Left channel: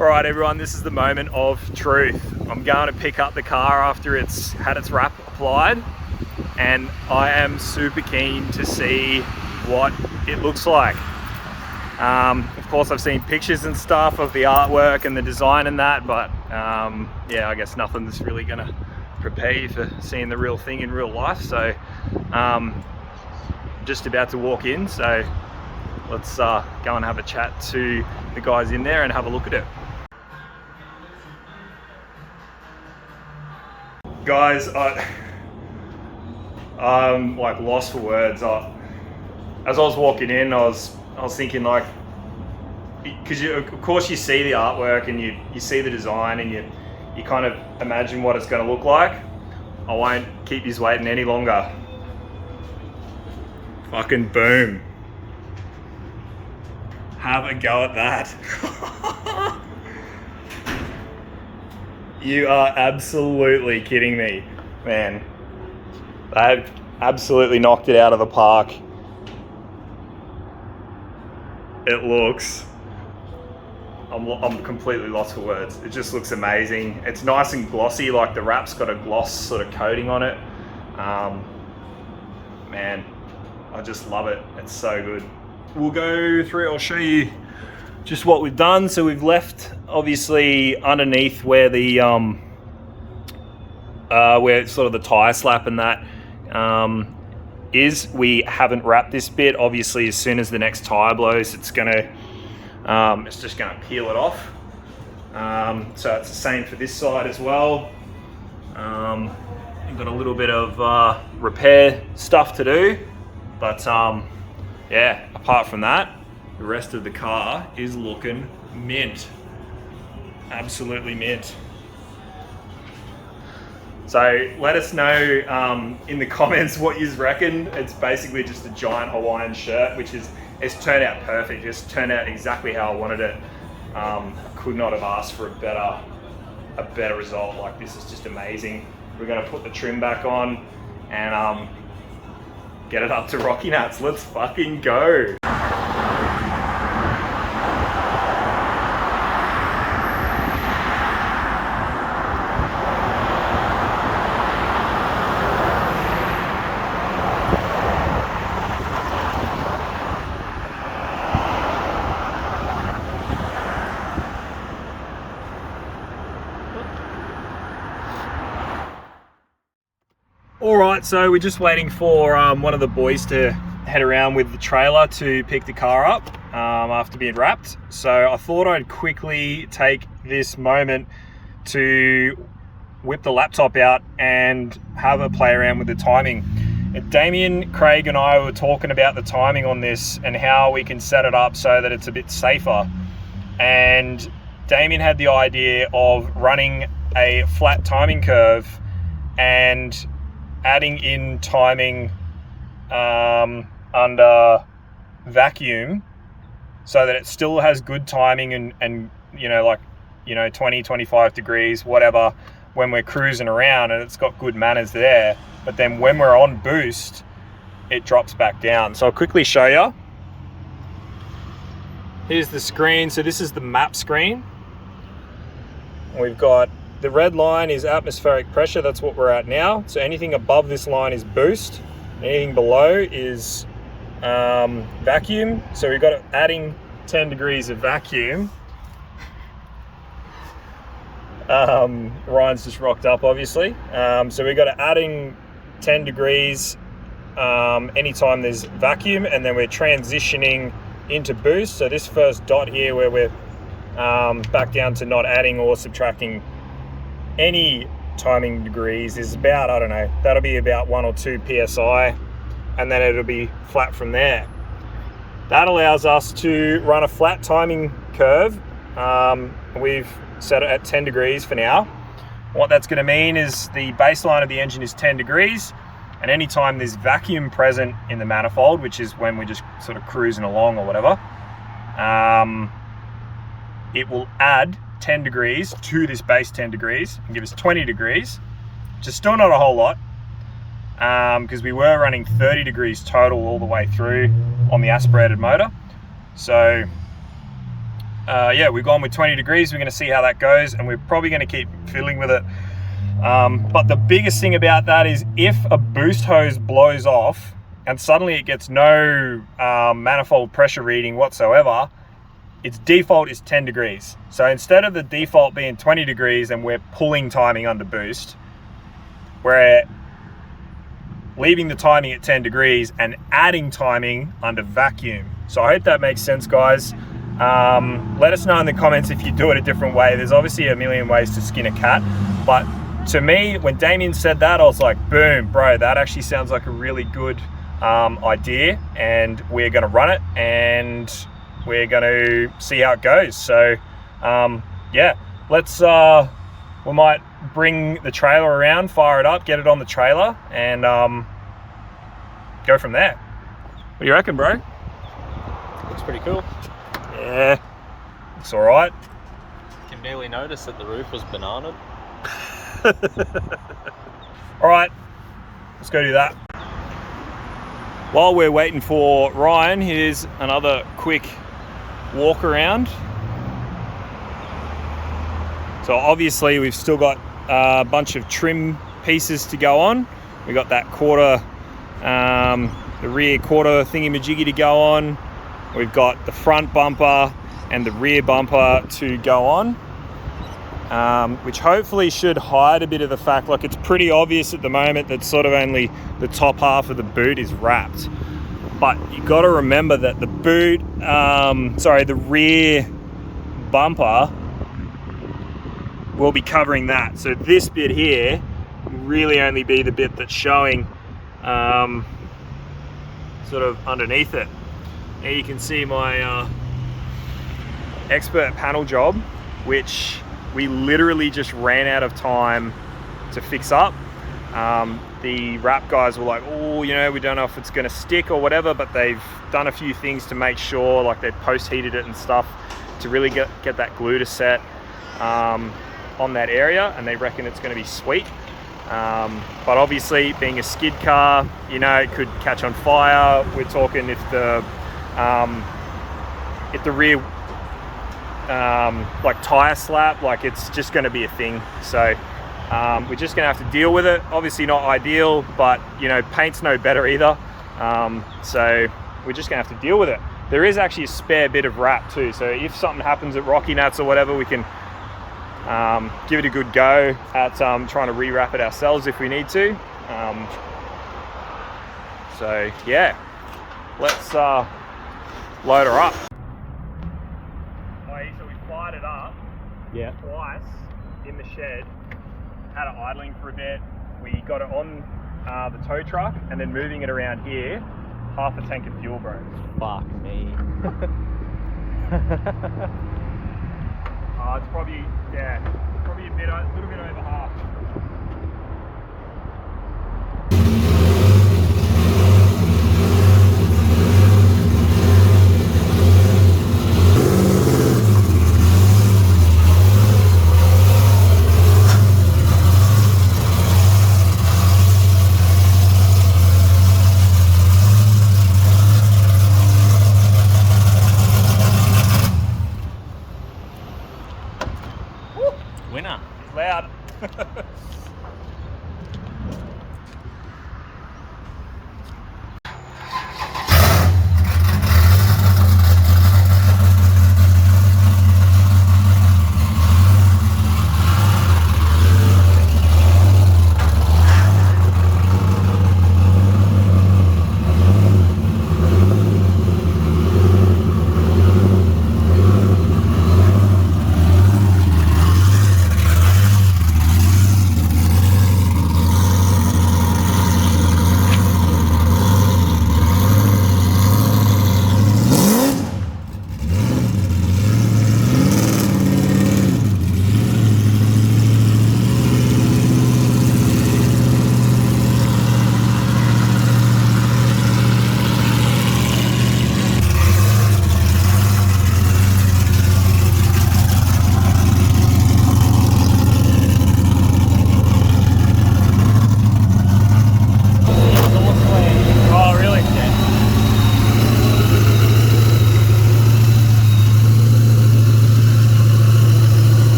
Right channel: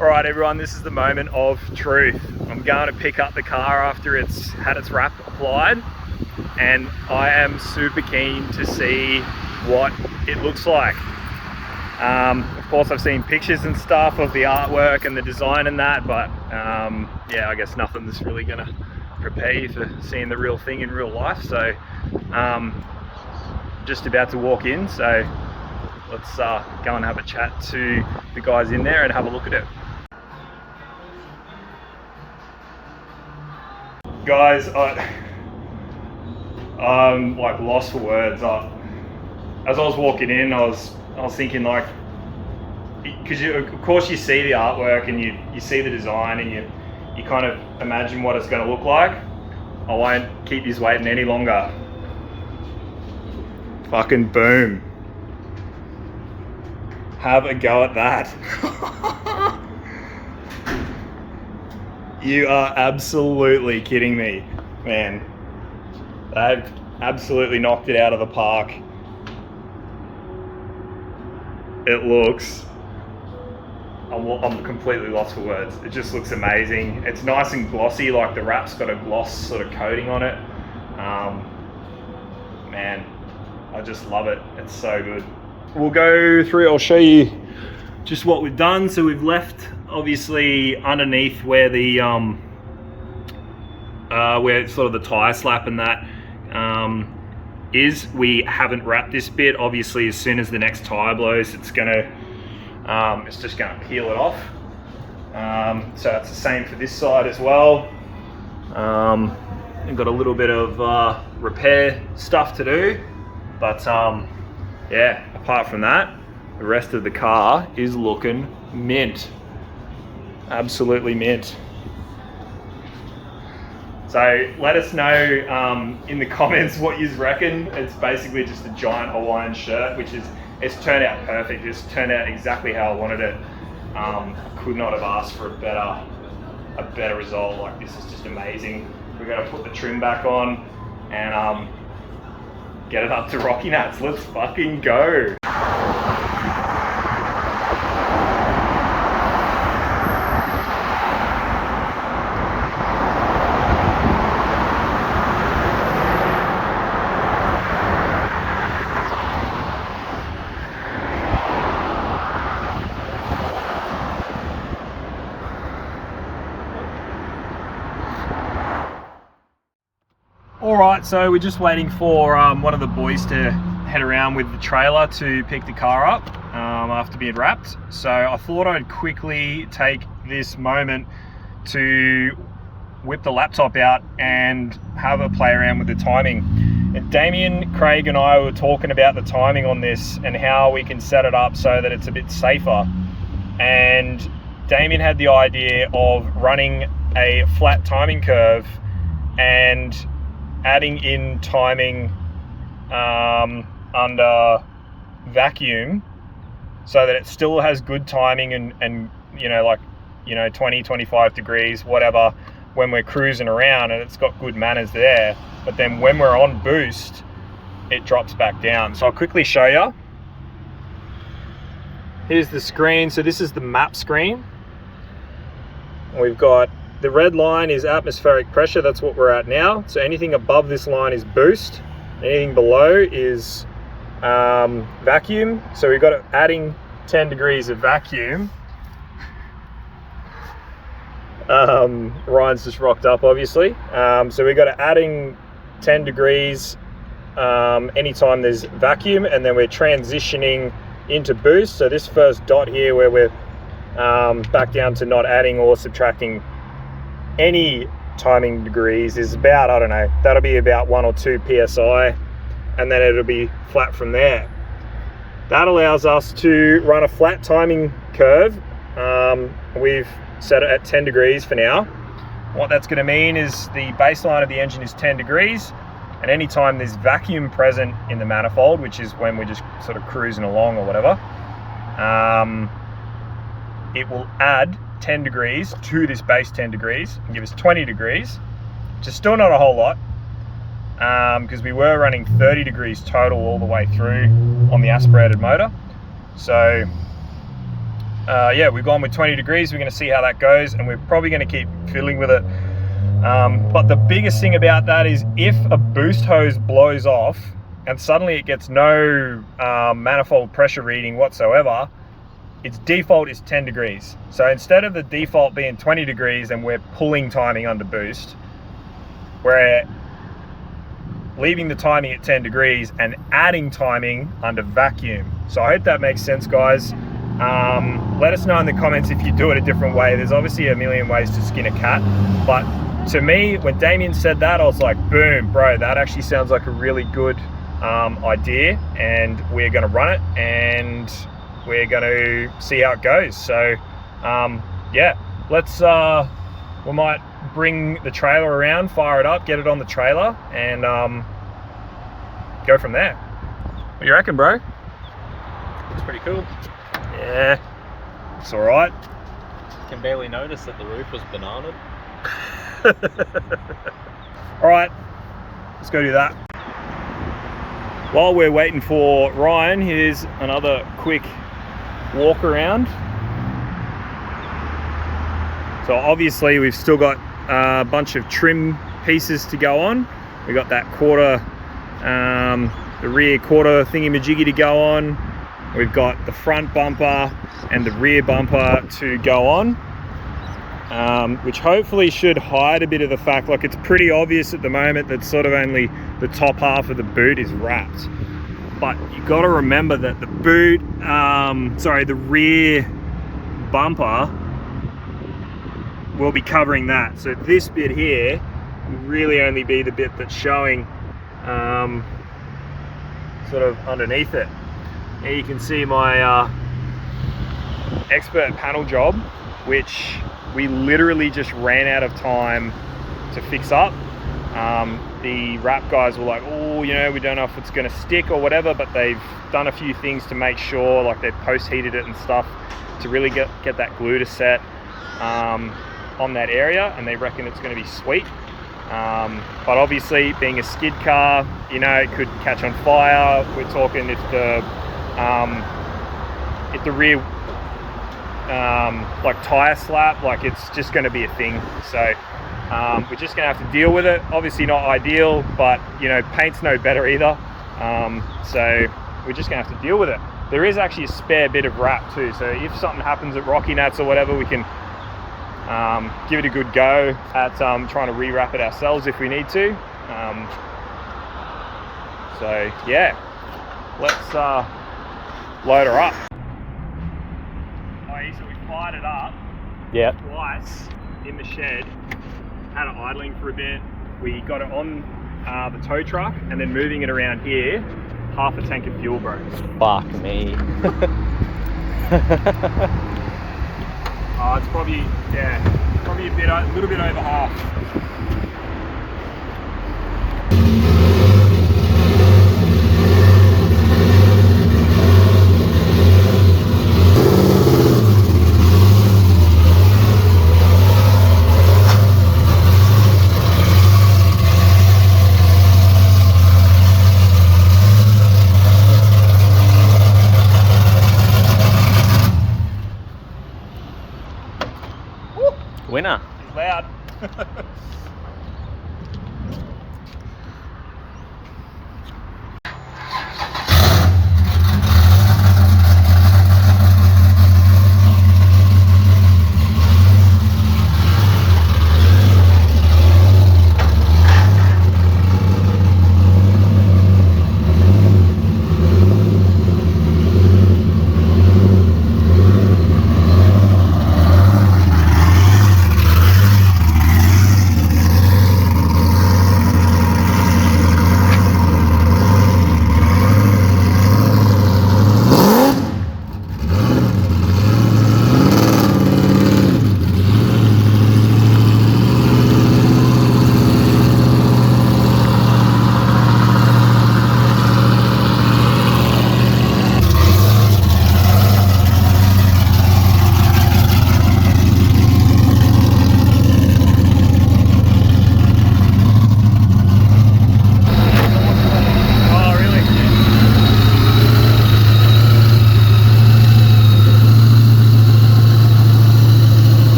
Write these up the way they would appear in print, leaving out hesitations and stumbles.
All right, everyone, this is the moment of truth. I'm going to pick up the car after it's had its wrap applied, and I am super keen to see what it looks like. Of course, I've seen pictures and stuff of the artwork and the design and that, but yeah, I guess nothing's really gonna prepare you for seeing the real thing in real life. So just about to walk in, so let's go and have a chat to the guys in there and have a look at it. Guys, I'm like lost for words. As I was walking in, I was thinking, like, because of course you see the artwork and you see the design and you kind of imagine what it's going to look like. I won't keep you waiting any longer. Fucking boom. Have a go at that. You are absolutely kidding me, man. They've absolutely knocked it out of the park. It looks, I'm completely lost for words. It just looks amazing. It's nice and glossy, like the wrap's got a gloss sort of coating on it. Man, I just love it. It's so good. We'll go through, I'll show you just what we've done. So we've left, obviously, underneath where the where sort of the tire slap and that is. We haven't wrapped this bit. Obviously, as soon as the next tire blows, it's just gonna peel it off. So it's the same for this side as well. We've got a little bit of repair stuff to do, but yeah, apart from that, the rest of the car is looking mint. Absolutely mint. So let us know in the comments what you reckon. It's basically just a giant Hawaiian shirt, it's turned out perfect. It's turned out exactly how I wanted it. I could not have asked for a better result. Like, this is just amazing. We're gonna put the trim back on and get it up to Rockynats. Let's fucking go. All right, so we're just waiting for one of the boys to head around with the trailer to pick the car up after being wrapped. So I thought I'd quickly take this moment to whip the laptop out and have a play around with the timing. And Damien, Craig and I were talking about the timing on this and how we can set it up so that it's a bit safer. And Damien had the idea of running a flat timing curve and adding in timing under vacuum so that it still has good timing and 20, 25 degrees, whatever, when we're cruising around, and it's got good manners there. But then when we're on boost, it drops back down. So I'll quickly show you. Here's the screen. So this is the map screen. We've got the red line is atmospheric pressure. That's what we're at now. So anything above this line is boost. Anything below is vacuum. So we've got adding 10 degrees of vacuum. Ryan's just rocked up, obviously. So we've got adding 10 degrees anytime there's vacuum, and then we're transitioning into boost. So this first dot here where we're back down to not adding or subtracting any timing degrees is about, I don't know, that'll be about 1 or 2 psi, and then it'll be flat from there. That allows us to run a flat timing curve. We've set it at 10 degrees for now. What that's going to mean is the baseline of the engine is 10 degrees, and anytime there's vacuum present in the manifold, which is when we're just sort of cruising along or whatever, it will add 10 degrees to this base 10 degrees and give us 20 degrees, which is still not a whole lot, because we were running 30 degrees total all the way through on the aspirated motor. So yeah, we've gone with 20 degrees. We're going to see how that goes, and we're probably going to keep fiddling with it. But the biggest thing about that is if a boost hose blows off and suddenly it gets no manifold pressure reading whatsoever, its default is 10 degrees. So instead of the default being 20 degrees and we're pulling timing under boost, we're leaving the timing at 10 degrees and adding timing under vacuum. So I hope that makes sense, guys. Let us know in the comments if you do it a different way. There's obviously a million ways to skin a cat, but to me, when Damien said that, I was like, boom, bro, that actually sounds like a really good idea, and we're going to run it and we're going to see how it goes. So yeah, let's we might bring the trailer around, fire it up, get it on the trailer, and go from there. What do you reckon, bro? Looks pretty cool. Yeah, it's all right. Can barely notice that the roof was bananaed. All right, let's go do that. While we're waiting for Ryan, here's another quick walk around. So obviously we've still got a bunch of trim pieces to go on. We got that quarter, the rear quarter thingy-majiggy to go on. We've got the front bumper and the rear bumper to go on, which hopefully should hide a bit of the fact, like it's pretty obvious at the moment that sort of only the top half of the boot is wrapped. But you got to remember that the boot, the rear bumper will be covering that. So this bit here will really only be the bit that's showing sort of underneath it. Here you can see my expert panel job, which we literally just ran out of time to fix up. The wrap guys were like, oh, you know, we don't know if it's going to stick or whatever, but they've done a few things to make sure, like they've post-heated it and stuff to really get that glue to set on that area, and they reckon it's going to be sweet. But obviously, being a skid car, you know, it could catch on fire. We're talking if the rear like tire slap, like it's just going to be a thing. So we're just going to have to deal with it. Obviously not ideal, but you know, paint's no better either. So we're just going to have to deal with it. There is actually a spare bit of wrap too, so if something happens at Rockynats or whatever, we can give it a good go at trying to rewrap it ourselves if we need to. So yeah, let's load her up. So we fired it up twice in the shed, had it idling for a bit. We got it on the tow truck and then moving it around here, half a tank of fuel, bro. Fuck me. It's probably, yeah, probably a little bit over half. Winner. He's loud.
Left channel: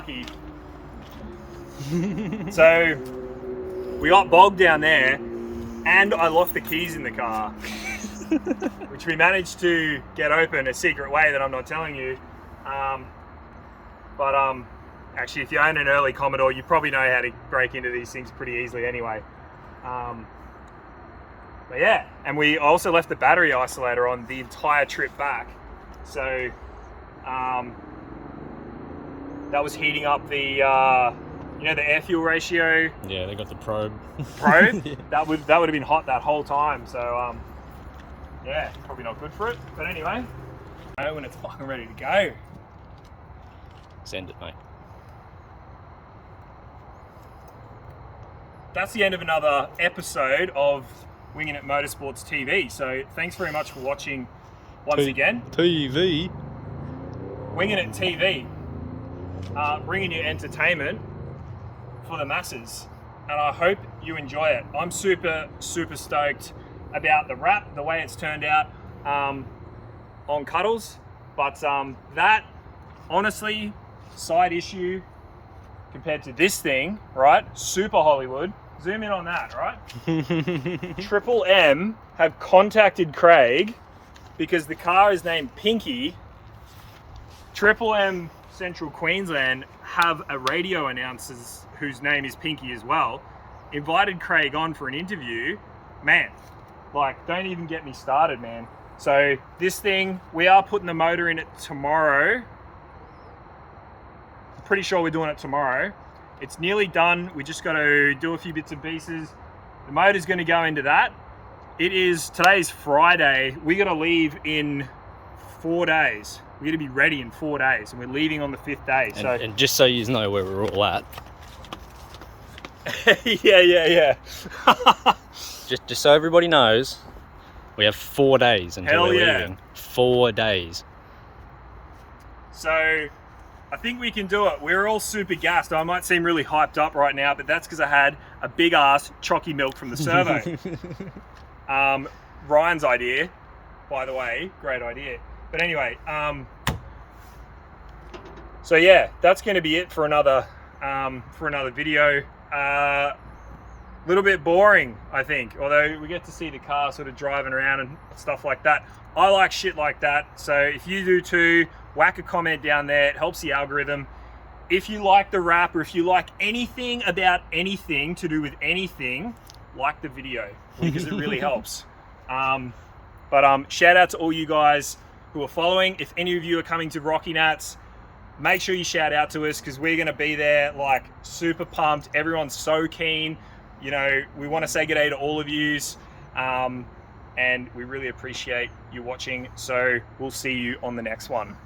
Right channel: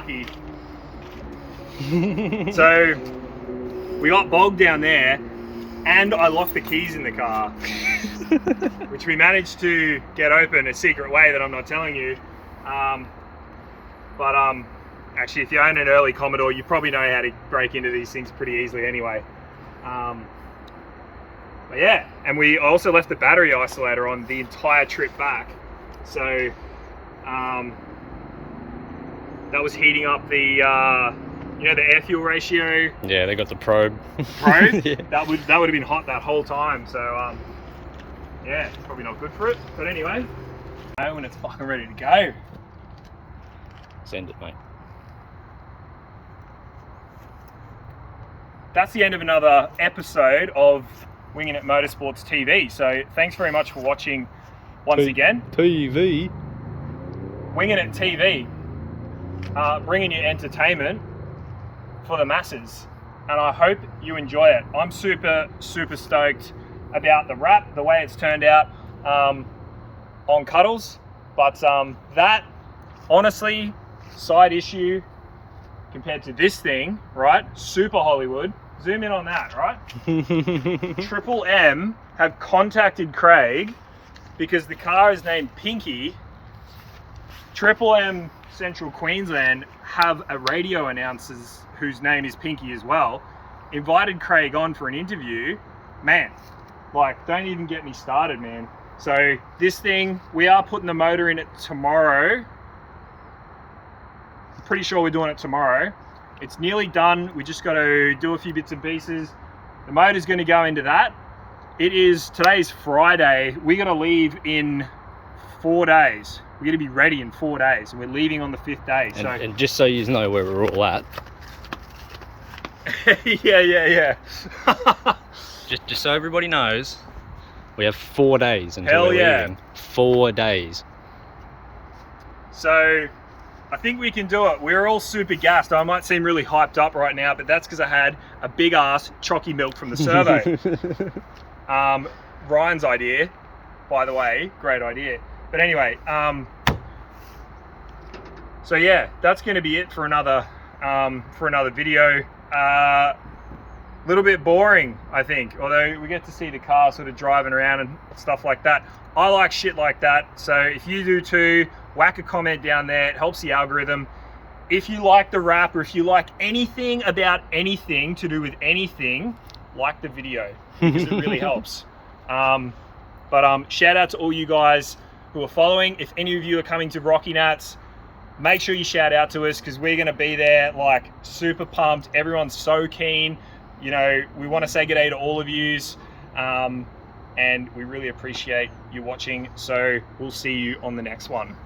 lucky. So we got bogged down there, and I locked the keys in the car, which we managed to get open a secret way that I'm not telling you. Actually, if you own an early Commodore, you probably know how to break into these things pretty easily anyway. But yeah, and we also left the battery isolator on the entire trip back. So that was heating up the, you know, the air fuel ratio. Yeah, they got the probe. Yeah. That would have been hot that whole time. So yeah, probably not good for it. But anyway, when it's fucking ready to go. Send it, mate. That's the end of another episode of Winginit Motorsports TV. So thanks very much for watching once again. TV. Winginit TV, bringing you entertainment for the masses, and I hope you enjoy it. I'm super stoked about the wrap, the way it's turned out on Cuddles, but that, honestly, side issue compared to this thing, right? Super Hollywood. Zoom in on that, right? Triple M have contacted Craig because the car is named Pinky. Triple M Central Queensland have a radio announcer whose name is Pinky as well. Invited Craig on for an interview. Man, like, don't even get me started, man. So this thing, we are putting the motor in it tomorrow. Pretty sure we're doing it tomorrow. It's nearly done. We just got to do a few bits and pieces. The motor's going to go into that. Today's Friday. We got to leave in 4 days. We're going to be ready in 4 days, and we're leaving on the 5th day. And just so you know where we're all at. yeah. just so everybody knows, we have 4 days until we're leaving. 4 days. So I think we can do it. We're all super gassed. I might seem really hyped up right now, but that's because I had a big ass chalky milk from the servo. Ryan's idea, by the way, great idea. But anyway, so yeah, that's going to be it for another video. Little bit boring, I think, although we get to see the car sort of driving around and stuff like that. I like shit like that, so if you do too, whack a comment down there. It helps the algorithm. If you like the wrap, or if you like anything about anything to do with anything, like the video, because it really helps. Shout out to all you guys who are following. If any of you are coming to Rockynats, make sure you shout out to us, because we're going to be there, like, super pumped. Everyone's so keen. You know, we want to say g'day to all of yous, and we really appreciate you watching. So we'll see you on the next one.